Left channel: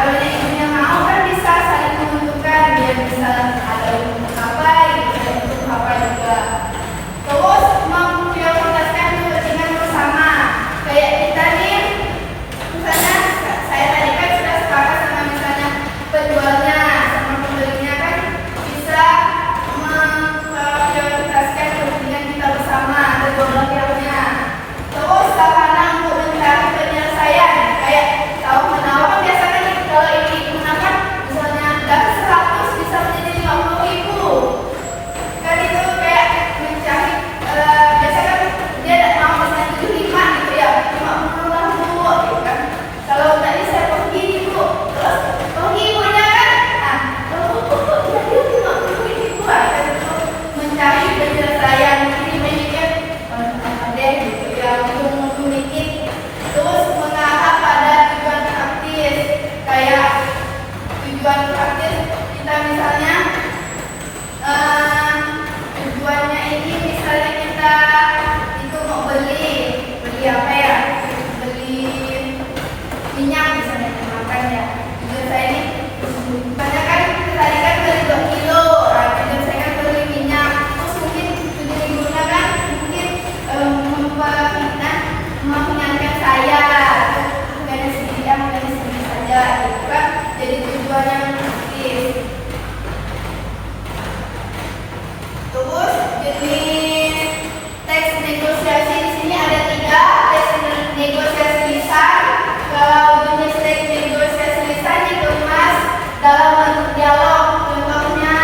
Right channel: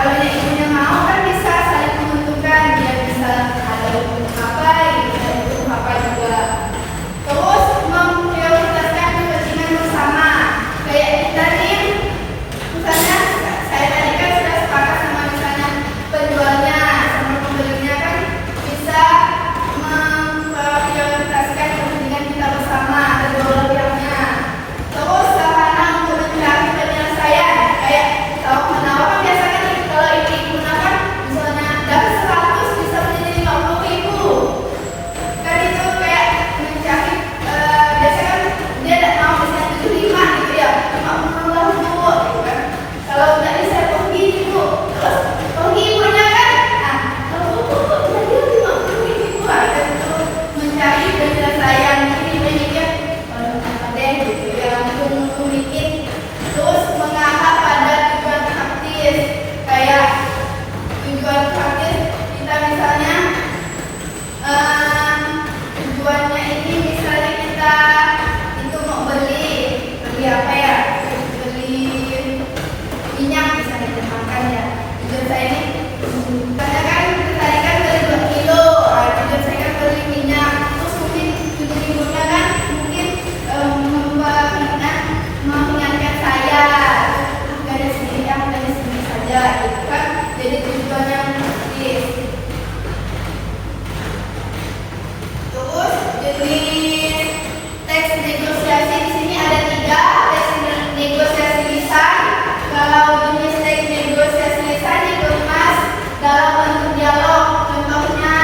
kalau yang ibunya mau kan bisa saling menentukan dia bisa ada untuk apa gitu dan untuk apa juga. Terus memprioritaskan kepentingan bersama. Kayak kita nih, misalnya saya tadi kan sudah sepakat sama misalnya penjualnya sama pembelinya kan bisa memprioritaskan kepentingan kita bersama kedua pihaknya. Terus sarana untuk mencari penyelesaian kayak kalau menawar biasanya nih, kalau ini digunakan misalnya dari 100 bisa menjadi 50.000 kan itu kayak mencari biasanya kan dia tidak mau misalnya 5 gitu ya 50.000 gitu kan. Kalau tadi saya pergi ibu terus pergi ibunya kan nah jadi 50.000 kan itu mencari penyelesaian ini mikir ada gitu yang bikin terus mengarah pada tujuan praktis kayak tujuan praktis kita misalnya tujuannya ini misalnya kita itu mau beli apa ya beli minyak misalnya dimakan ya tujuan saya ini pada kan tadi kan beli 2 kilo tujuan saya kan beli minyak terus mungkin tujuan ibunya kan mungkin membuat mengingatkan saya dari segi saja itu kan jadi tujuannya praktis. Terus jenis teks negosiasi di sini ada 3 teks negosiasi lisan. Kalau jenis teks negosiasi lisan dikemas dalam bentuk dialog, contohnya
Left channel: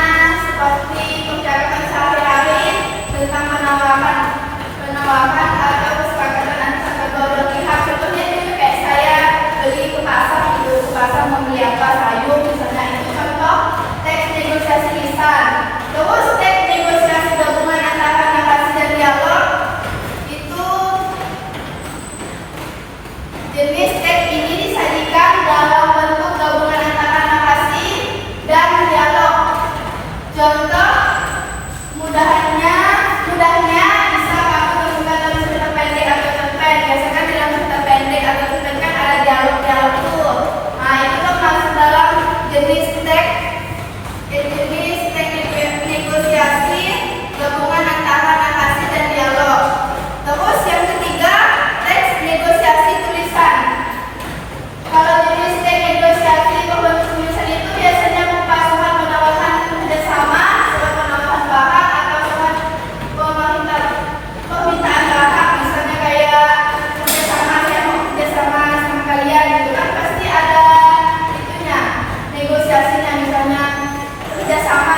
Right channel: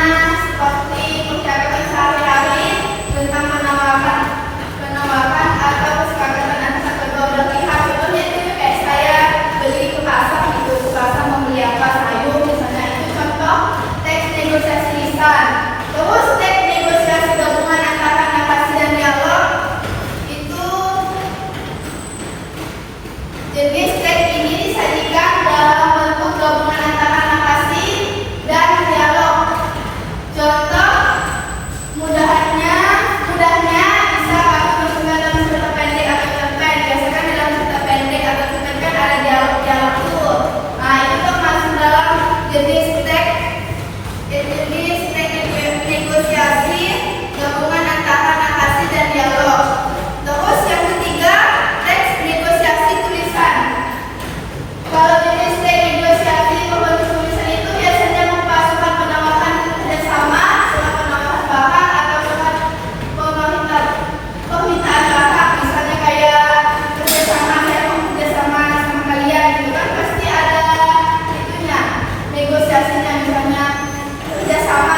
seperti percakapan sehari-hari tentang penawaran atau kesepakatan antara kedua belah pihak. Contohnya itu kayak saya beli ke pasar gitu, ke pasar membeli apa sayur misalnya itu contoh teks negosiasi lisan. Terus teks negosiasi gabungan antara narasi dan dialog itu jenis teks ini disajikan dalam bentuk gabungan antara narasi dan dialog. Contoh mudahnya bisa dalam cerita pendek atau cerpen. Biasanya dalam cerita pendek atau cerpen ada dialog tuh. Nah itu termasuk dalam jenis teks negosiasi gabungan antara narasi dan dialog. Terus yang ketiga teks negosiasi tulisan. Kalau jenis teks negosiasi berbentuk tulisan itu biasanya berupa surat penawaran kerjasama, surat penawaran barang atau surat permintaan barang. Misalnya kayak kerjasama sama kalian itu kan pasti ada itunya negosiasinya misalnya kerjasama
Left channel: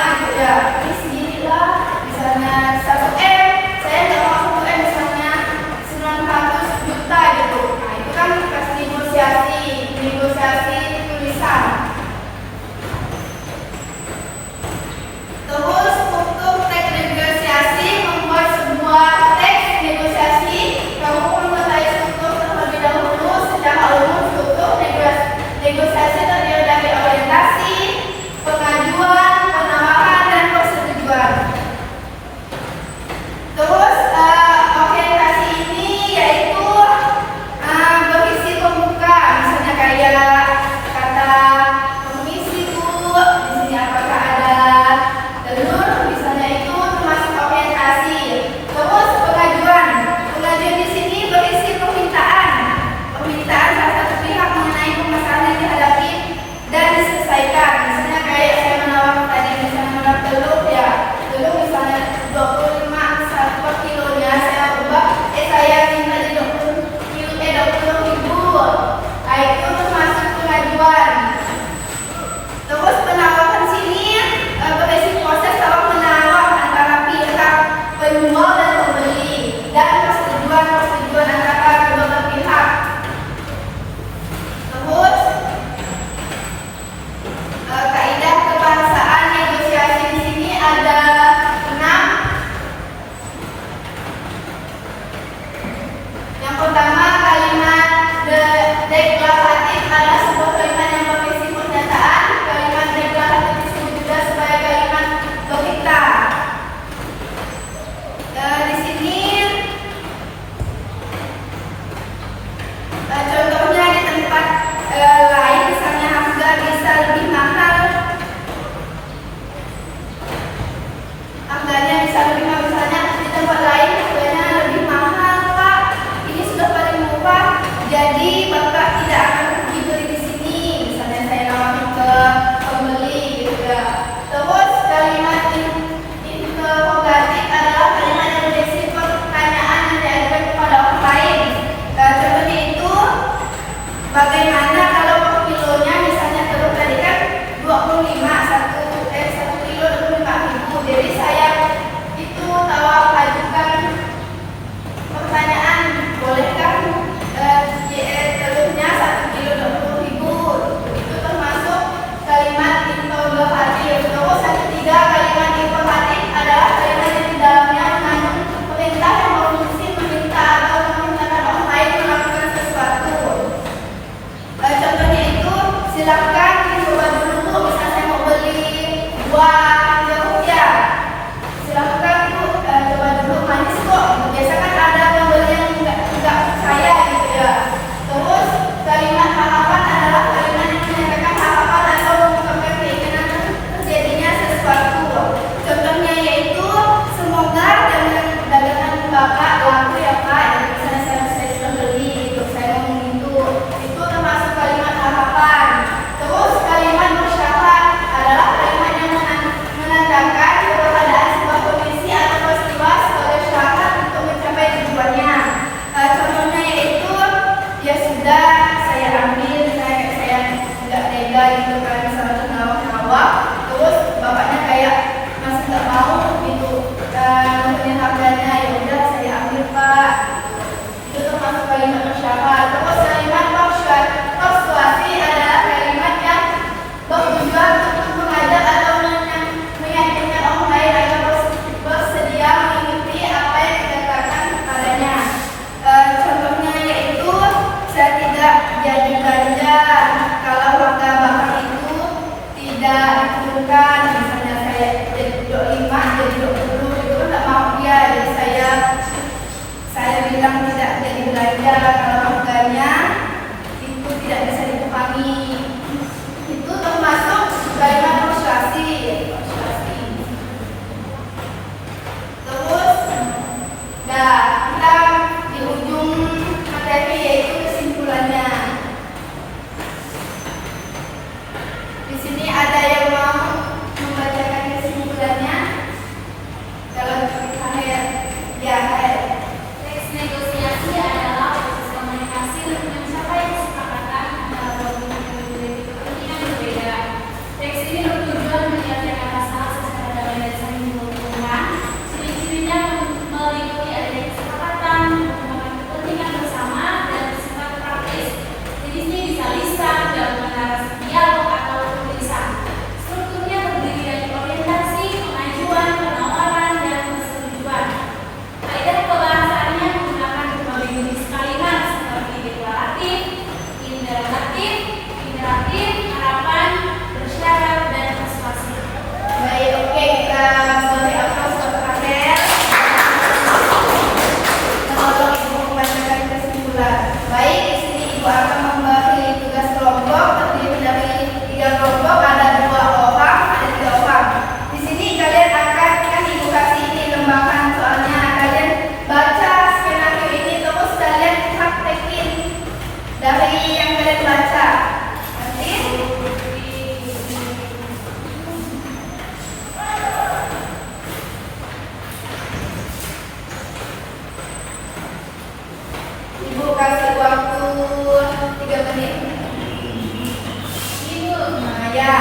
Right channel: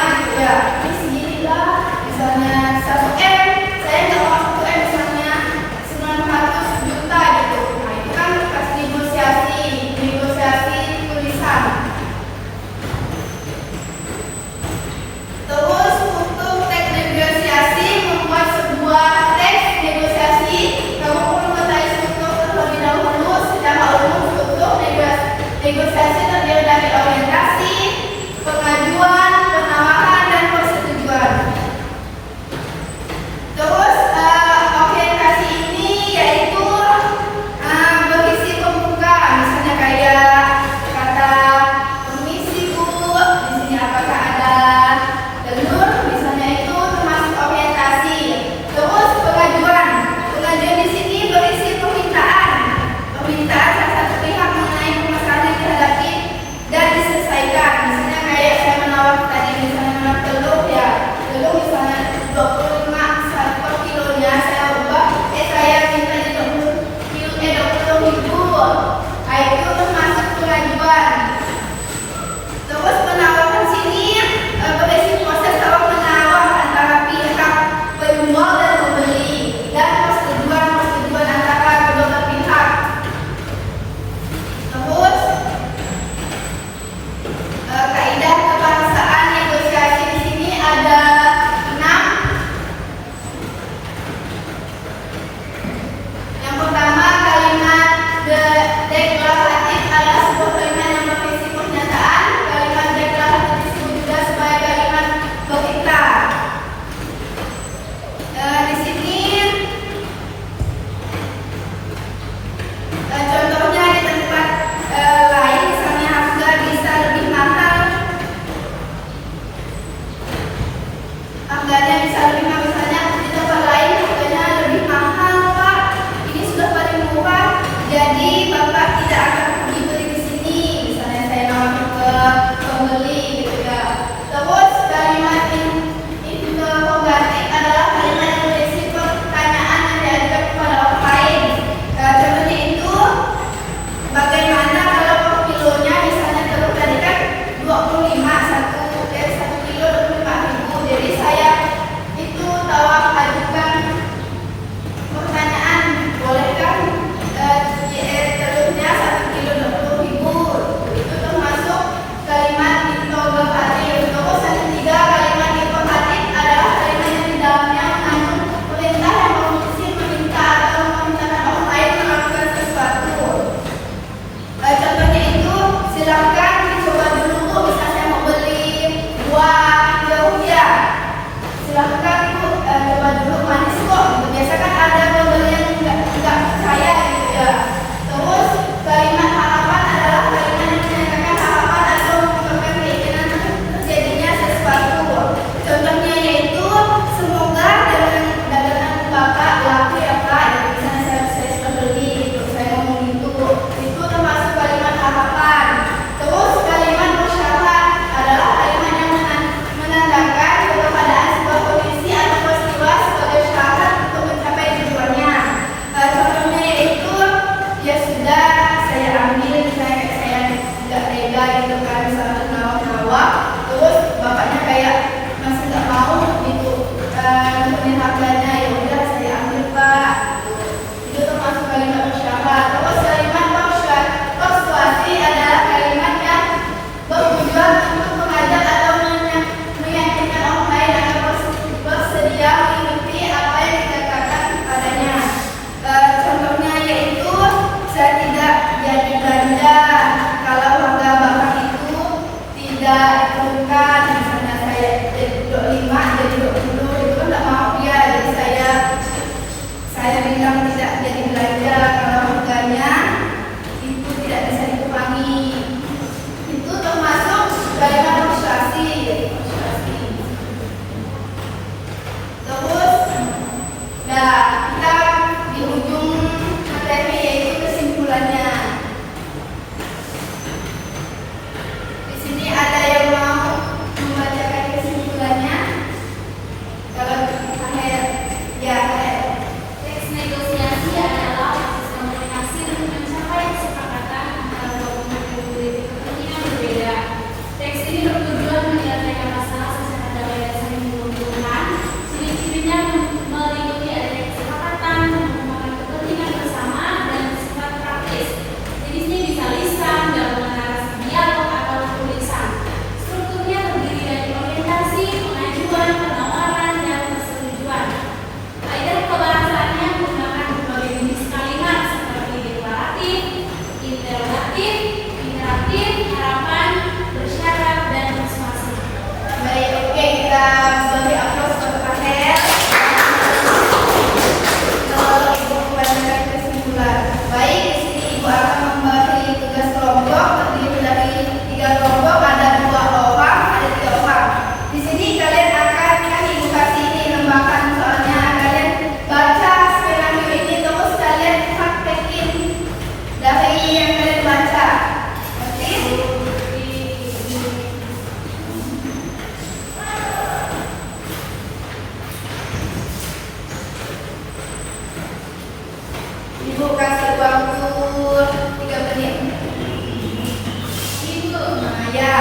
Ya.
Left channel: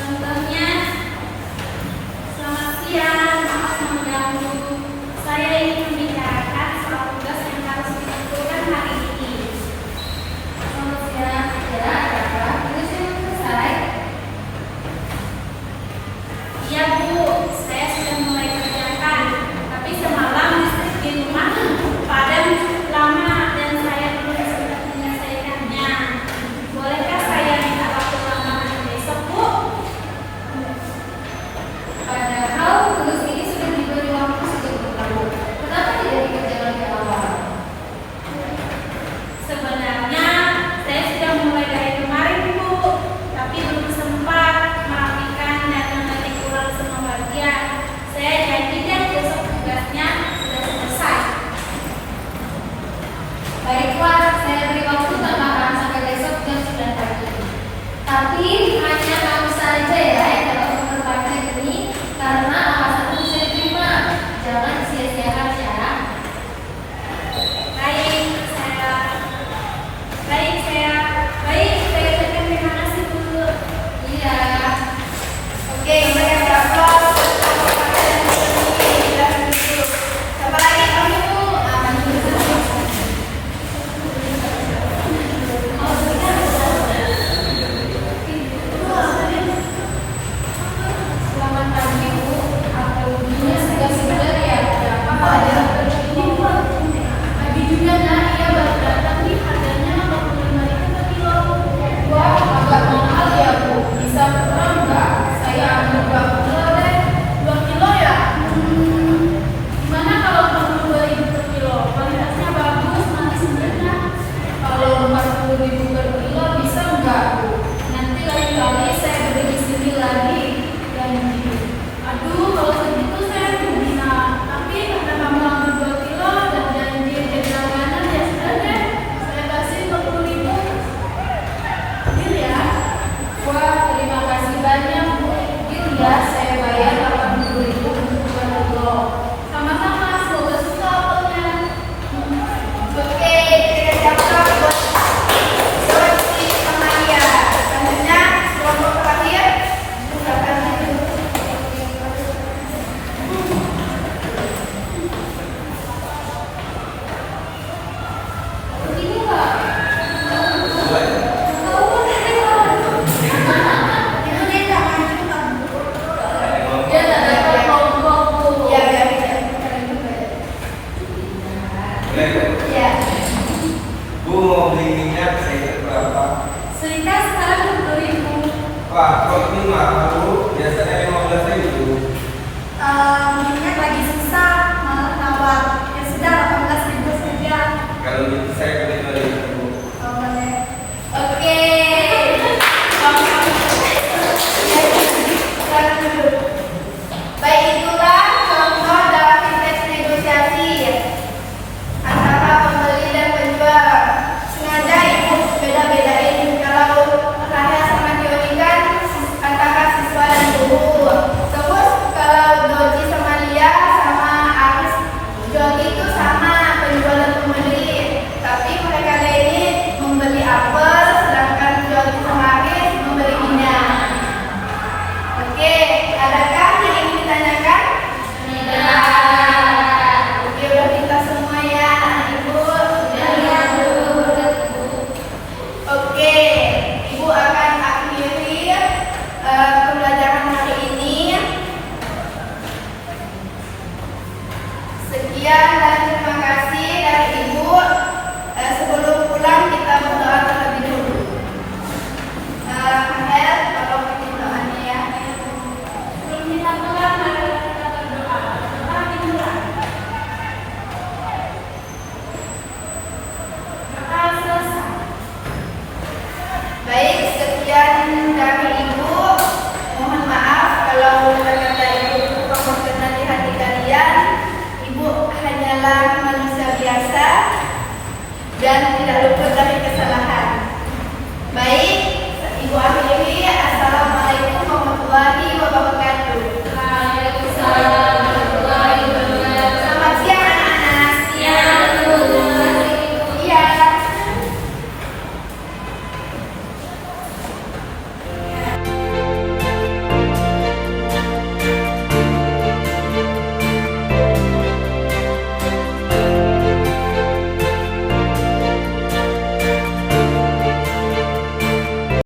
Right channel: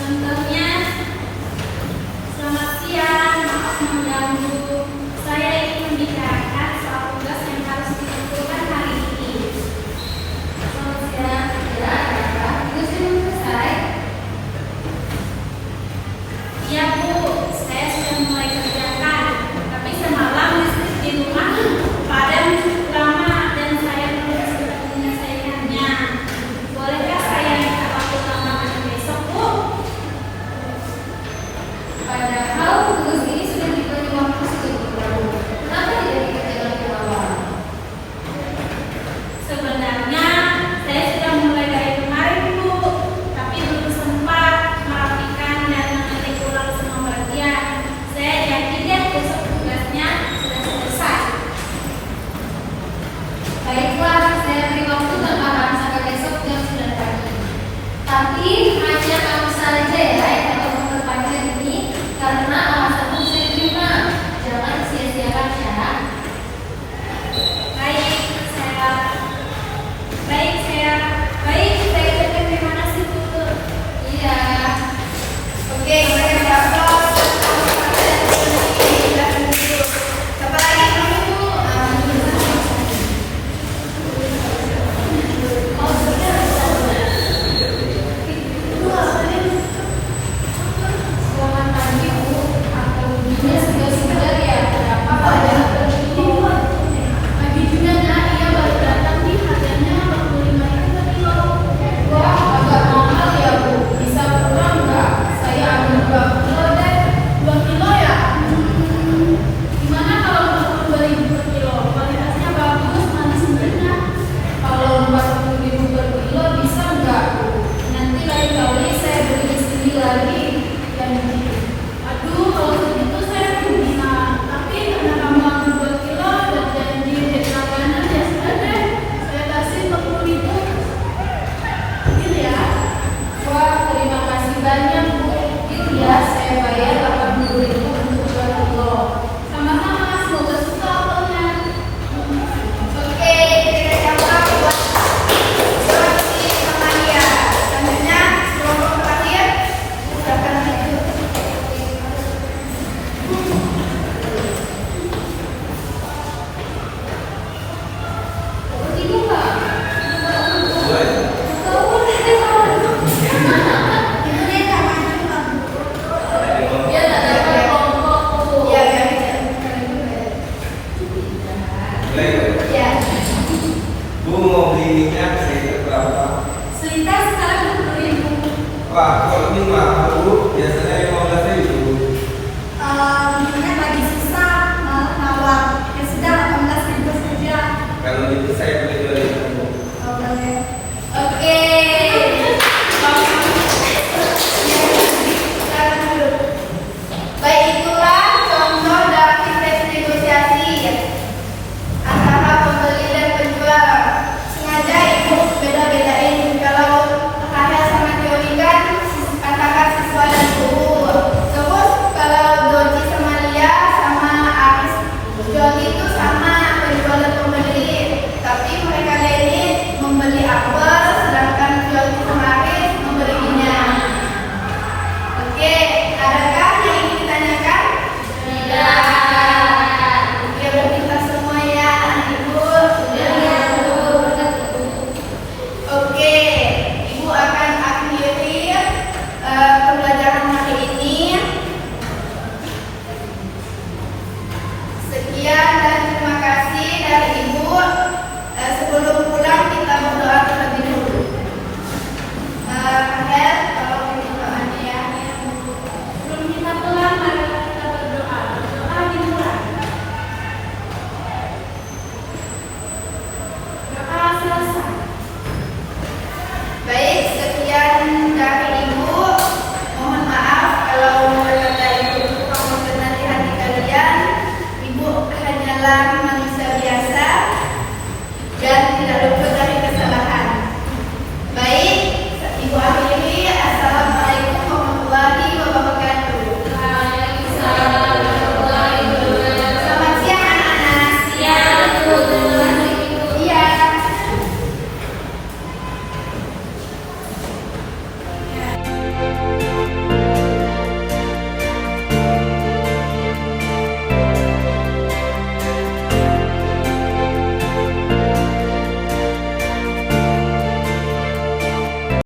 Contohnya, selamat siang, maaf mengganggu. Saya ingin membicarakan soal tugas yang harus dilakukan hari ini. Selamat siang, ya, tugas belum selesai. Iya Bu, saya sudah mulai kerjakan, tapi semalam listrik di rumah padam cukup lama dan saya belum sempat menyelesaikannya. Bolehkah saya minta waktu tambahan besok Bu? Padahal tugas ini sudah diberi waktu sejak lalu. Kenapa tidak dikerjakan di awal? Sebenarnya saya sudah mulai dari kemarin Bu, tapi belum sempat merapikan dan mengetik ulang semua bagian. Saya yakin besok tugasnya sudah selesai. Baiklah, saya beri waktu tambahan sampai besok jam 9 pagi. Tapi hanya kamu saja ya yang dapat memperpanjang ini karena alasanmu saya terima. Jangan sia-siakan ya. Baik, saya terima kasih Bu. Iya. Oke, saya dapat. Siapa lagi kamu? Selamat pagi Bu. Aku punya saudara yang dapat pada pagi juga nah ia baru datang nih harganya 45.000 kilo. Wah, agak mahal ya Bu. Bisa kurang nggak? Saya ambil 2 kilo deh. 2 kilo ya? Gimana kalau 42.000 per kilo? Kualitasnya bagus, manis sebenarnya. Kalau 40.000 per kilo bisa nggak Bu? Nanti lain kali saya beli di sini lagi. Dan aduh, kalau segitu saya belum bisa. Tapi karena kamu ambil 2 kilo dan janji dari langganan ya sudah deh. Saya kasih 40.000. Deal ya? Wah, terima kasih banyak Bu. Deal ya, saya bayar 80.000 untuk 2 kilo. Sama-sama, semoga suka otornya. Oke, kita siapkan buat Maria. Selanjutnya, kelompok terakhir. Silakan lanjut. Begini nggak? Dia tak ada kelompok Bu. Ya, biar kita. Ya. Bu mau beli minyak sekitar berapa? Selika sekarang 20.000. Wah, kalau ini mahal Bu, biasanya 15.000. Minyak lagi susah, mau tawar. Ya sudah, 18.000 saja. Kalau itu saya beli Bu. Boleh. Oke. Baik,